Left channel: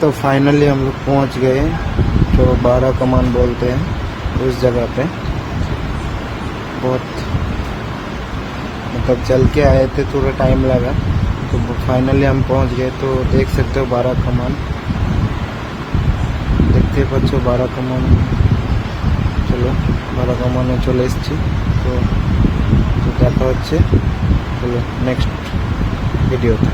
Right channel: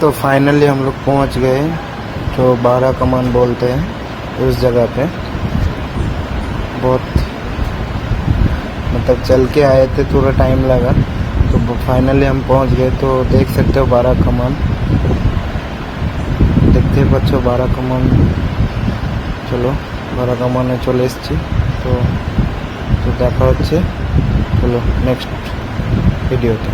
तो फाइनली हम लोग पहुंच गए। तो 12 कमान बोलते हैं उस जगह पे। बहुत मतलब चल के आए थे, थोड़ा टाइम लगा, तो फाइनली हम पहुंच गए। तो देख सकते हो 12 कमान, देखते बच्चों 12 कमान। चलो 12 कमाने चले एসেছি। तो দেখা হচ্ছে, চলো নেক্সট ভিডিওতে।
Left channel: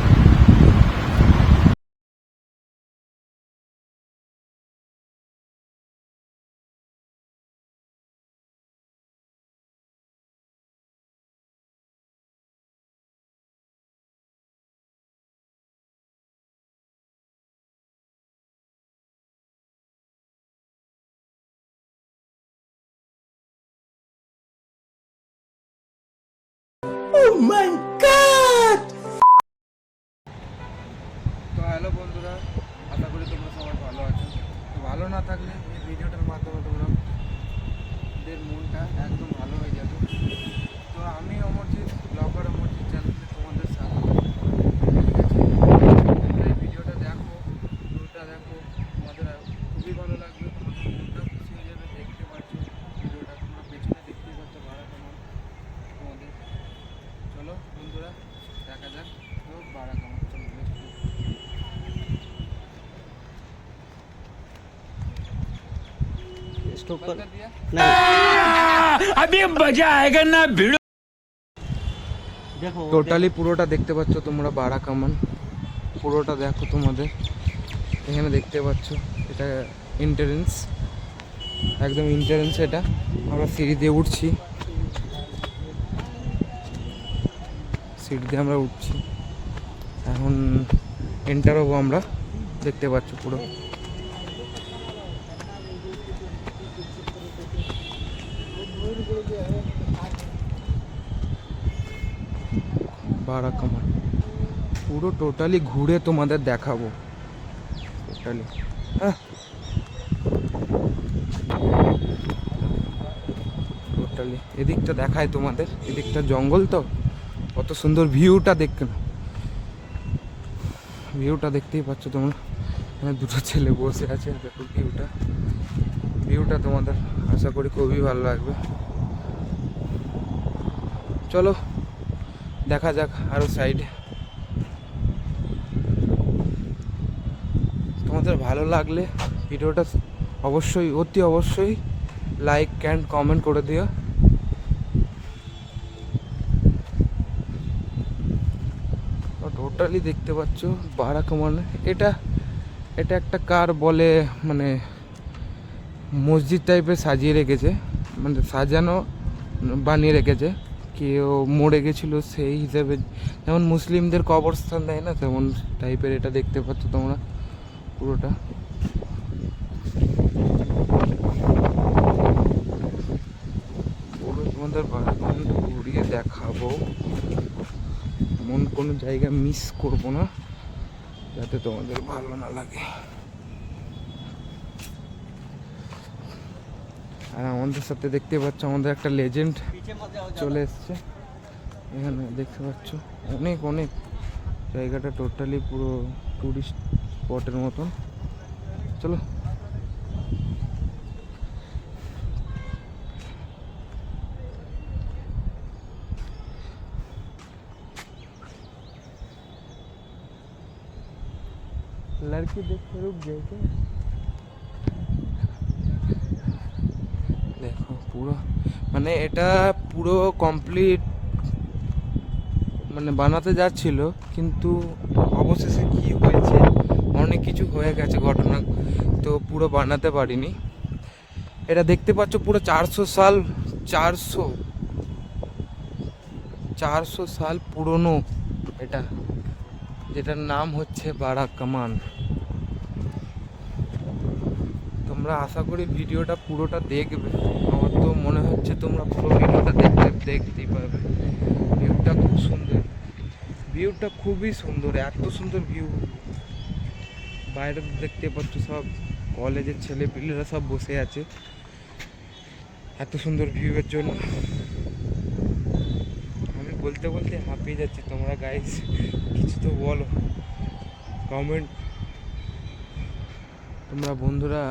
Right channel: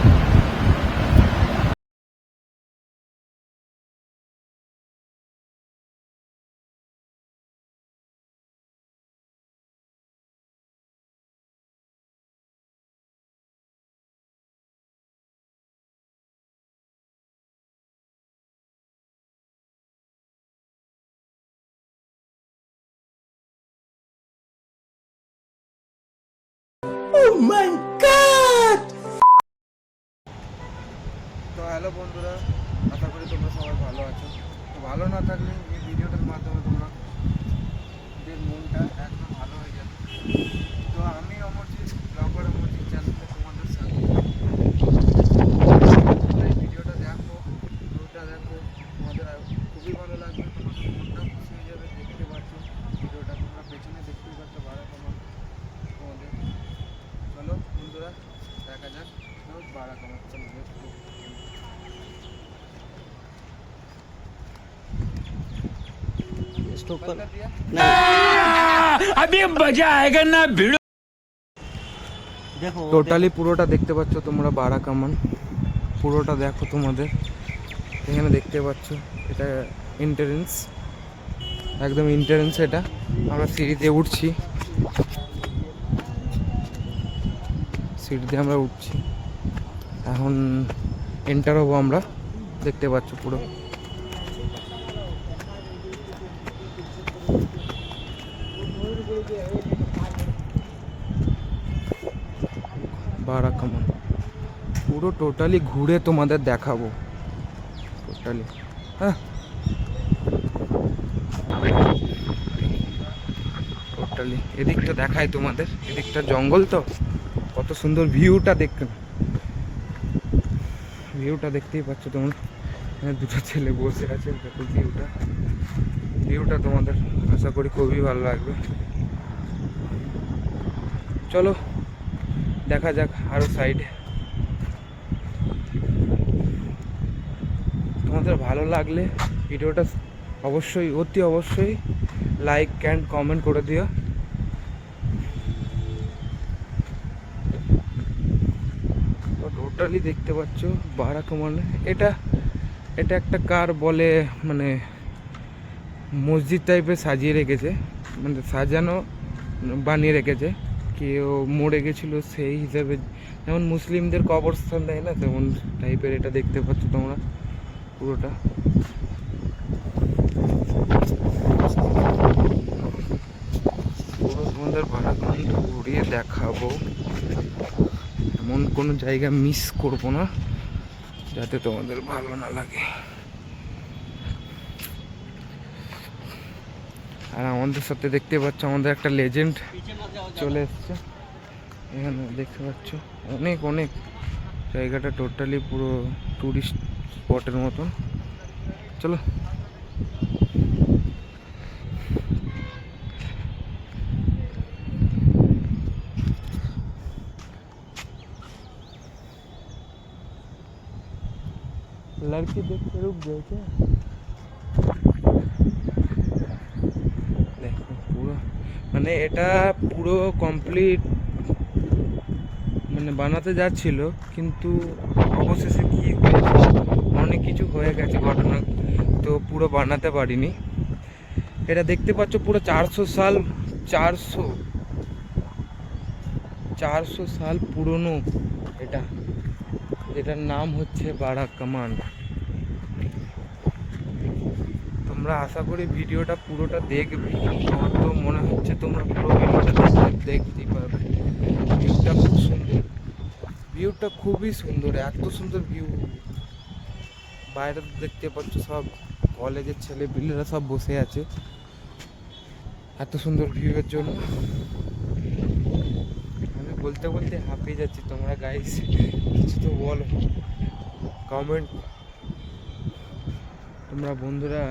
তো হ্যালো বন্ধুরা, আশা করি তোমরা সবাই ভালো আছো। তো ভালো না থাকলে এই ভিডিওটার মাধ্যমে তোমরা মনটা একদম ভালো হয়ে যাবে। তো আমি অমরজিৎ, ব্লগার অমরজিৎ চ্যানেলে তোমাদের সাথে এই ভিডিওটা দেখো, ভিডিওটা দেখো, তোমাদের খুবই ভালো লাগবে, তোমাদের মনটা খুশি হয়ে যাবে। দেখতে পাচ্ছ ভিডিওটা, তোমরা পেছনে দেখতেই পাচ্ছ 12 কমান তোমাদের। চলো বন্ধুরা দেখা যাক 12 কমান। চলো स्टॉप कर दिया। अभी मजा आएगा ना भिड़ो। দেখো টোটালি পুরোটা দেখতে পাচ্ছ তোমরা 12 কামান, পুরোটা দেখো। তোমাদের এখানে দেখতে পাচ্ছ এটা এন্ট্রান্স, একদম এন্ট্রান্স। এটা আমরা সিঁড়ি দিয়ে উঠছি, সিঁড়ি দিয়ে আমরা উঠছি। এখন এন্টার হবো আমরা, দেখতে পাচ্ছ পুরো। बारह कमान পুরো টোটালি ঘুরে তোমাদের দেখাবো টোটালি। টোটালি এদিকটা দেখায় তোমাদের, এদিকটা জঙ্গল, তো কত সুন্দর ভিউটা দেখতে, ভিউটা দেখতেই পাচ্ছ তোমরা। এখানে দুটো ছেলে বসে আছে, দেখো ভিউটা, ভিউটা তোমাদের আশা করি খুবই ভালো লাগবে। চলো দেখা যাক আরো সাইডে। তোমাদের ভালো লাগলে ভিডিওটা অবশ্যই অতি অবশ্যই লাইক অ্যান্ড কমেন্ট করে দিও। টোটালি দেখতে পাচ্ছ 12 কমান। এটা এটা একটা কার বলে, মানে মসজিদ টাইপের সাজিয়ে রেখেছে, মানে সাজানো বানিয়ে রেখেছে। কেউ মরে গেছিলো সেই হিসাবে, যেমন মুসলিমদের কবরস্থান দেয় না, তেমন টাইপের এটা দেখতে পাচ্ছ তোমরা পুরোটা। পুরো তোমাদের 12 ঘন্টা ঘুরিয়ে দেখাবো, এমন কোনো জায়গা মিস করবো না যাতে তোমাদের ভালো না লাগে। আর আমাদের সাথে দেখতে পাচ্ছ আমাদের একটা লেজেন্ড চলে এসছে এখানে, দেখতে পাচ্ছ অনেক অনেক জায়গাটা টোটালি পুরো টুরিস্ট স্পটের মতন। চলো लड़की देख के रुक गए थे। দেখো পুরো, মানে এটা পুরো কমপ্লিট মানে বানাতে যাচ্ছিল, কিন্তু অবশেষে কি অনেক কিছু হয়ে গেছে ঘটনা, তো পুরো বানাতে পারিনি। এটা দেখতে পাচ্ছ পুরো 400 সাল, 400 সাল পুরনো এটা, যেটার নাম হচ্ছে 12 কামান। তোমরা আশা করি ভিডিওটা পুরোটা দেখবে, আমার তো মনে হচ্ছে তোমরা পুরো ভিডিওটা দেখতেই পারবে। ভিউটা খুব সুন্দর, ভিউটা খুবই সুন্দর, এত সুন্দর ভিউ। বাইরে দেখতে পাচ্ছ সব কলেজের ছেলে পিলেরা সব বসে আছে এত সুন্দর ভিউয়ের জন্য। আমি বলতে বলতে হাঁপিয়ে যাচ্ছি, তোমরা গাইস কিছু তো বলো, কমেন্ট তোমরা বন্ধুরা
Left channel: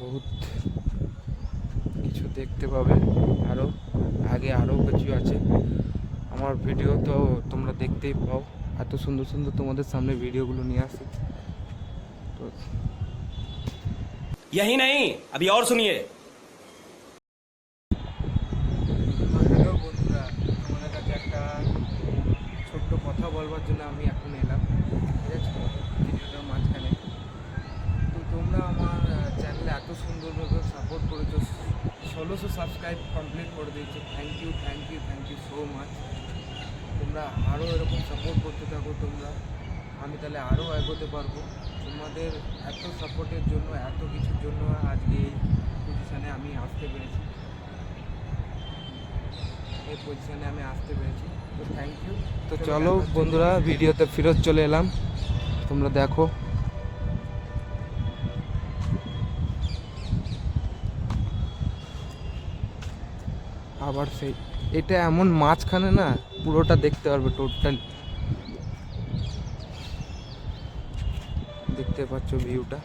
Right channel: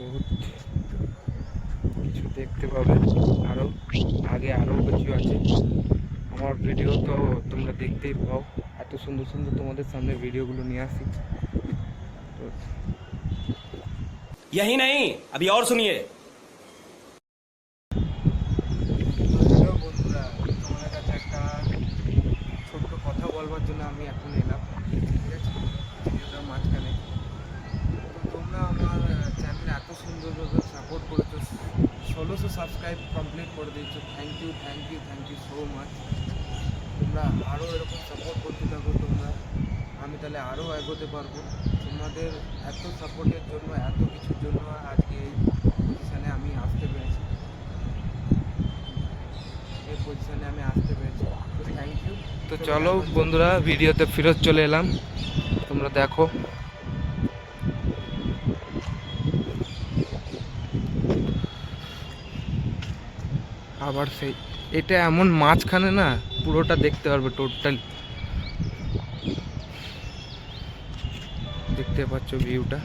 বহুত কিছু দেখতে পাবে, আরও আগে আরও কিছু আছে। আমার ভিডিও তো তোমরা দেখতেই পাও, এত সুন্দর সুন্দর তোমাদের সামনে ভিডিওগুলো নিয়ে আসি। তো यही नहीं, अभी और सुनिए। হ্যালো বন্ধুরা, তোমাদের কাছে একটা ছোট্ট কথা বলবার জন্য আমি এখন এলাম, ঠিক আছে, ভিডিওটার মাঝখানে। তো তোমরা আমার চ্যানেলে এত সুন্দরভাবে সাপোর্ট করেছো, 1600 সাবস্ক্রাইব কমপ্লিট করে দিয়েছো। Thank you thank you thank you so much. তোমরা আরও এরকম সাপোর্ট করতে থাকো তোমরা, আমি তাহলে আরও এগোতে পারবো। তোমাদের এত সাপোর্টের জন্য, এত কিছুর জন্য আজকে এই পজিশানে আমি আসতে পেরেছি, এই পজিশানে আমি আসতে পেরেছি। তো থ্যাংক ইউ। তো চলো বন্ধুরা, ভিডিওতে ফেরত চলে এলাম, তোমরা দেখো। আবার সেই এটা এমন মাঝখানে না, পুরোটা দেখতে পারবে টোটাল। দেখতে পাচ্ছ ভিউটা,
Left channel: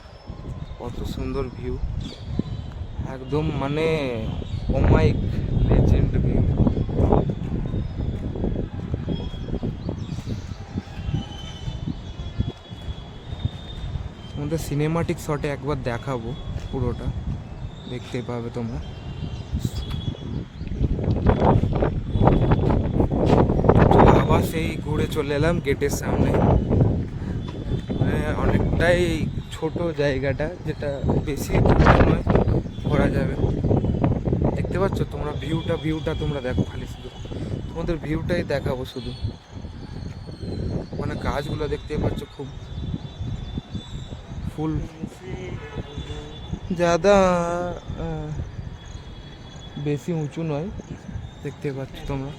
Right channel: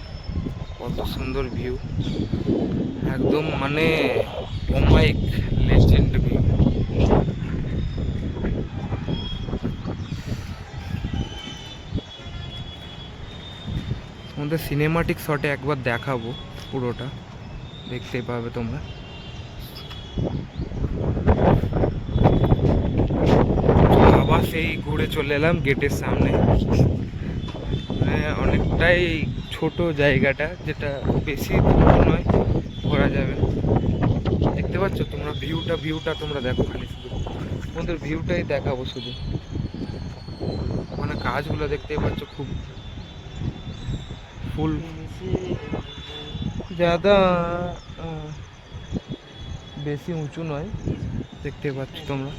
কত সুন্দর ভিউ, একদম মানে অমাইক লেজেন্ড ভিউ। তোমাদের সিনেমাটিক শটে একবার দেখাবো, পুরোটা দেখতে পাবে তোমরা। আবার সেই ঘুরে চলে এলাম গেটের সামনে, মানে অনেকটাই ছোট জায়গাটা, যেটা বেশি দূর নয়, ঘোরা যাবে। দেখতে পাচ্ছ তোমরা ভিউটা তোমরা দেখো, খালি শুধু তোমাদের ভিউটাই দেখাবো শুধু। মানে গাছগুলো দেখতেই পাচ্ছ, খুব ফুল ज़्यादा বেশি উঁচু নয়, দেখতে পাচ্ছ তোমরা।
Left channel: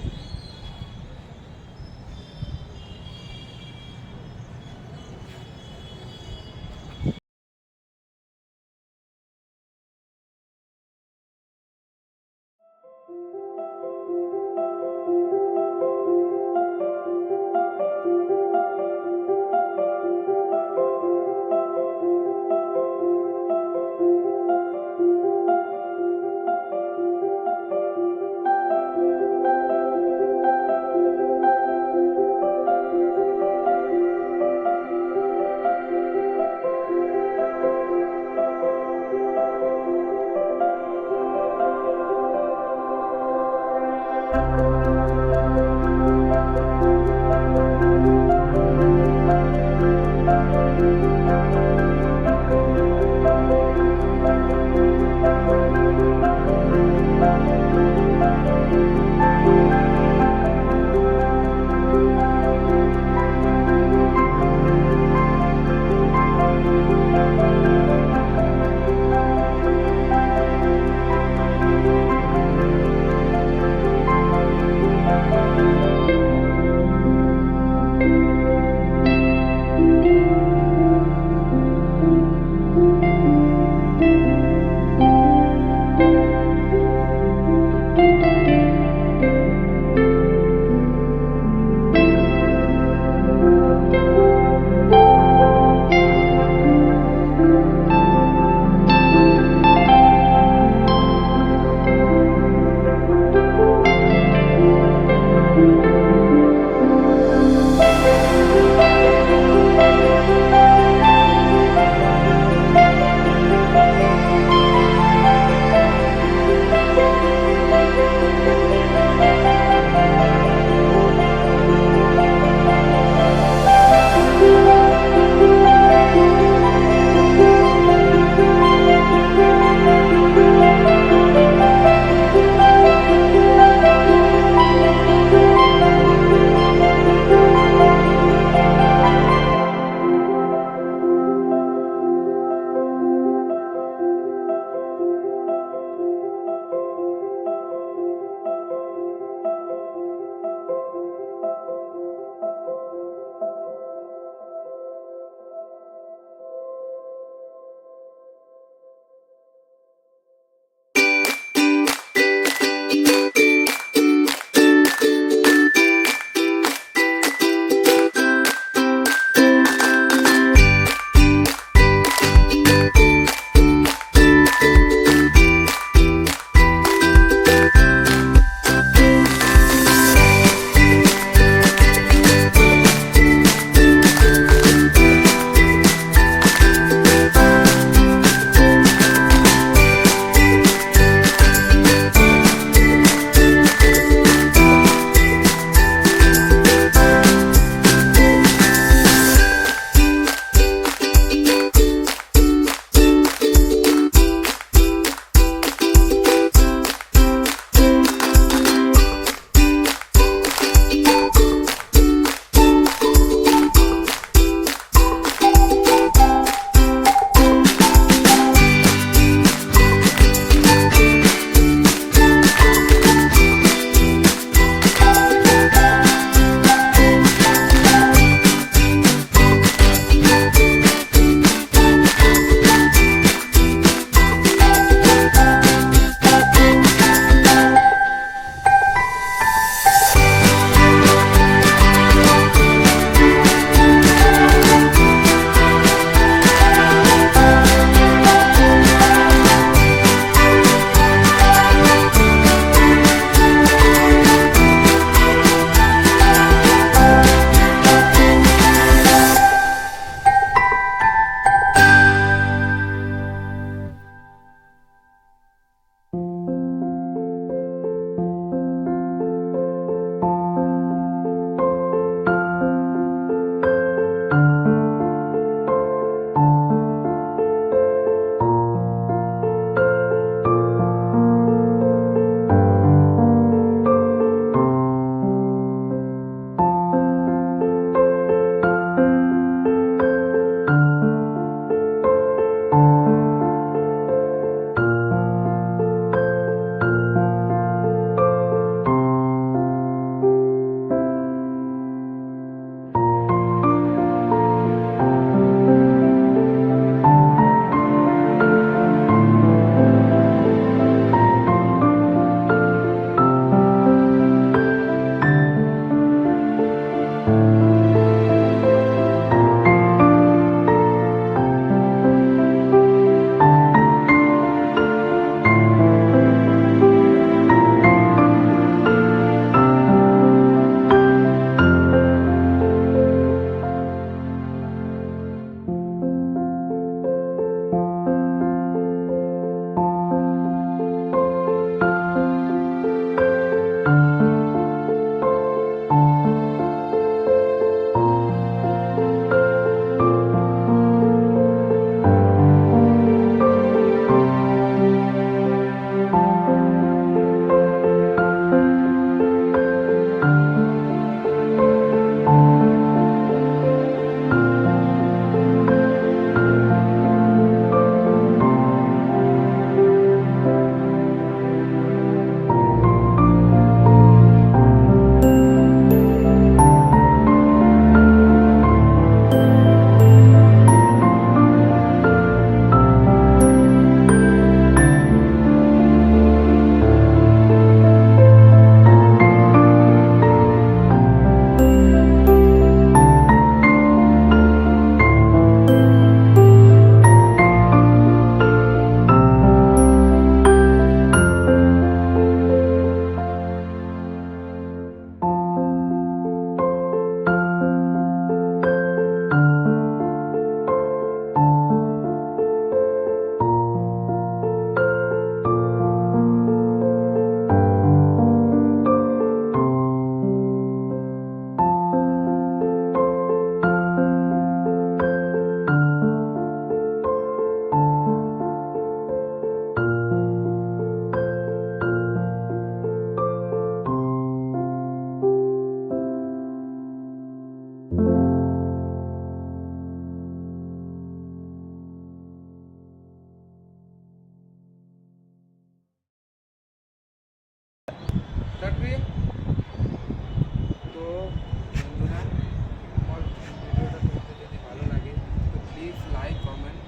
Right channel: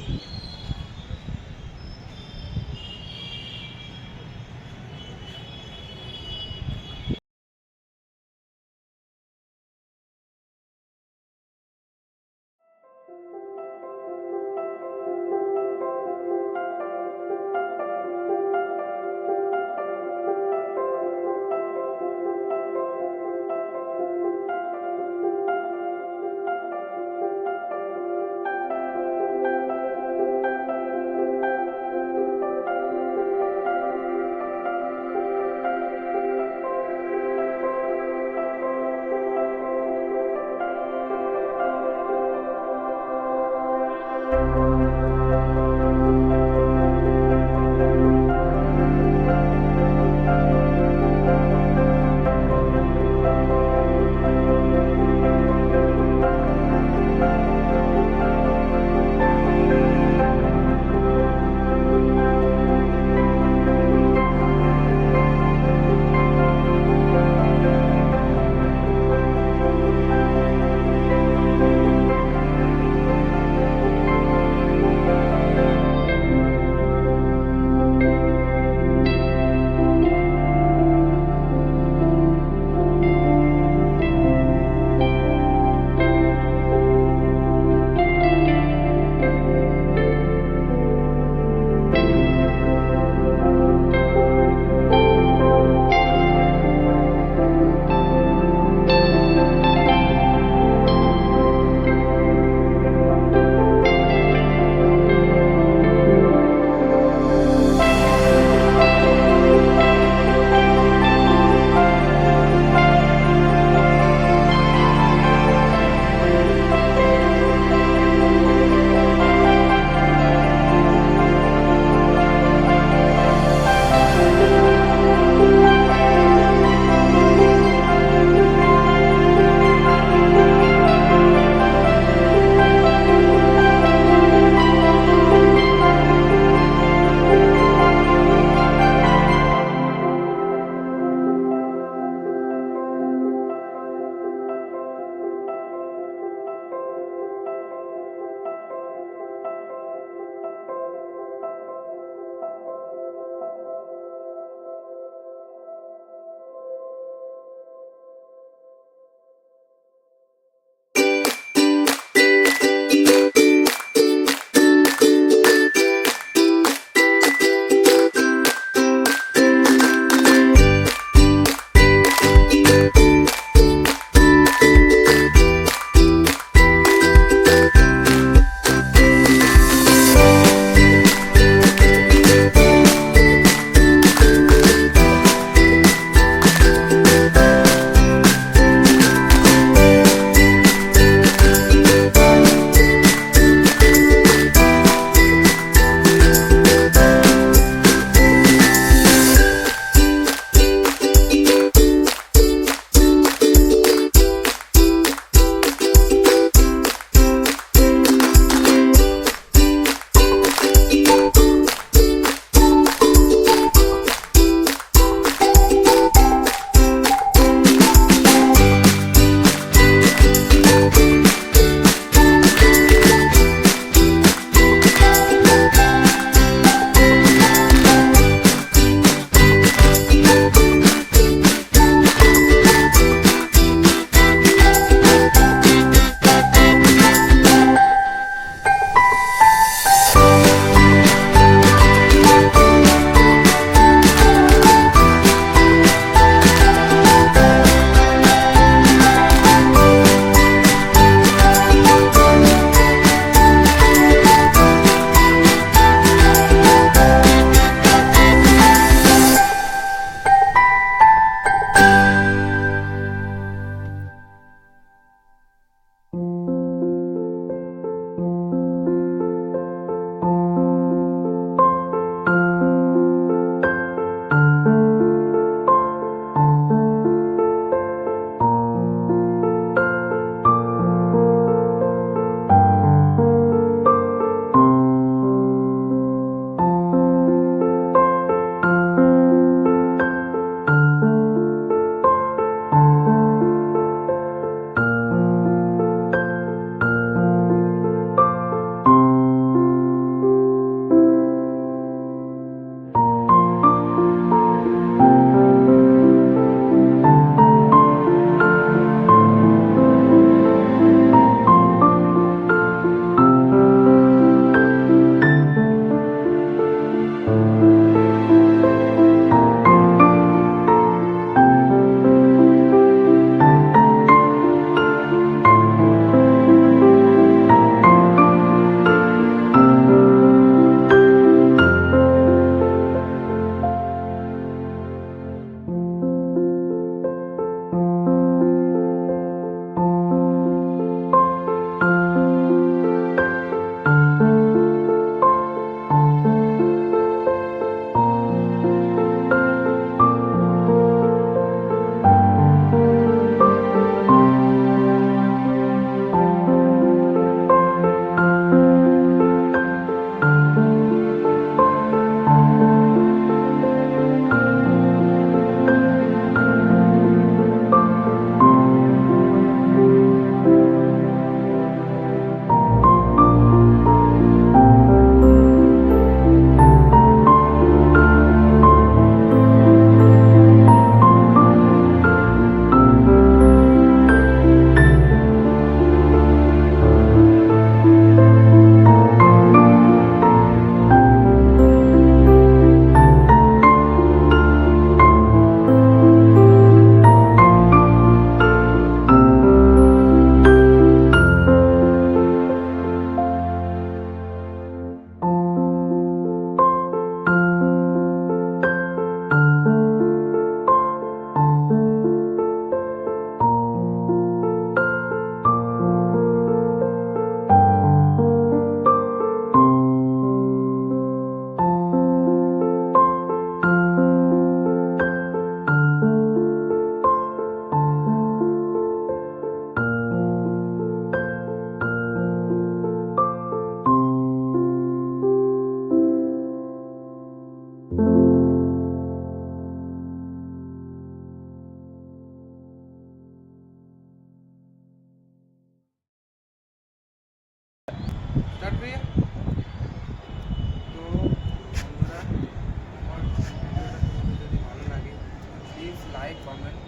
লাইক কমেন্ট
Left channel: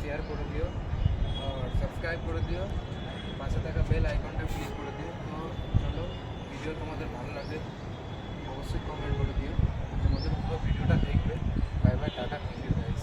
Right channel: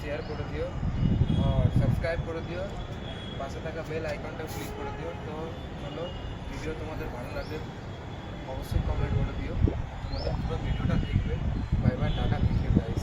শেয়ার করে দিও আর সাবস্ক্রাইব করে দিও, পাশে থাকা বেল আইকনটা ক্লিক করে দিও। তো চলো, ভিডিও তোমাদের ভালো লাগলে অবশ্যই কমেন্ট করে দিও, তোমাদের পুরো ভিডিওটা দেখবে। বাই বাই, টাটা, থ্যাংক ইউ গাইস।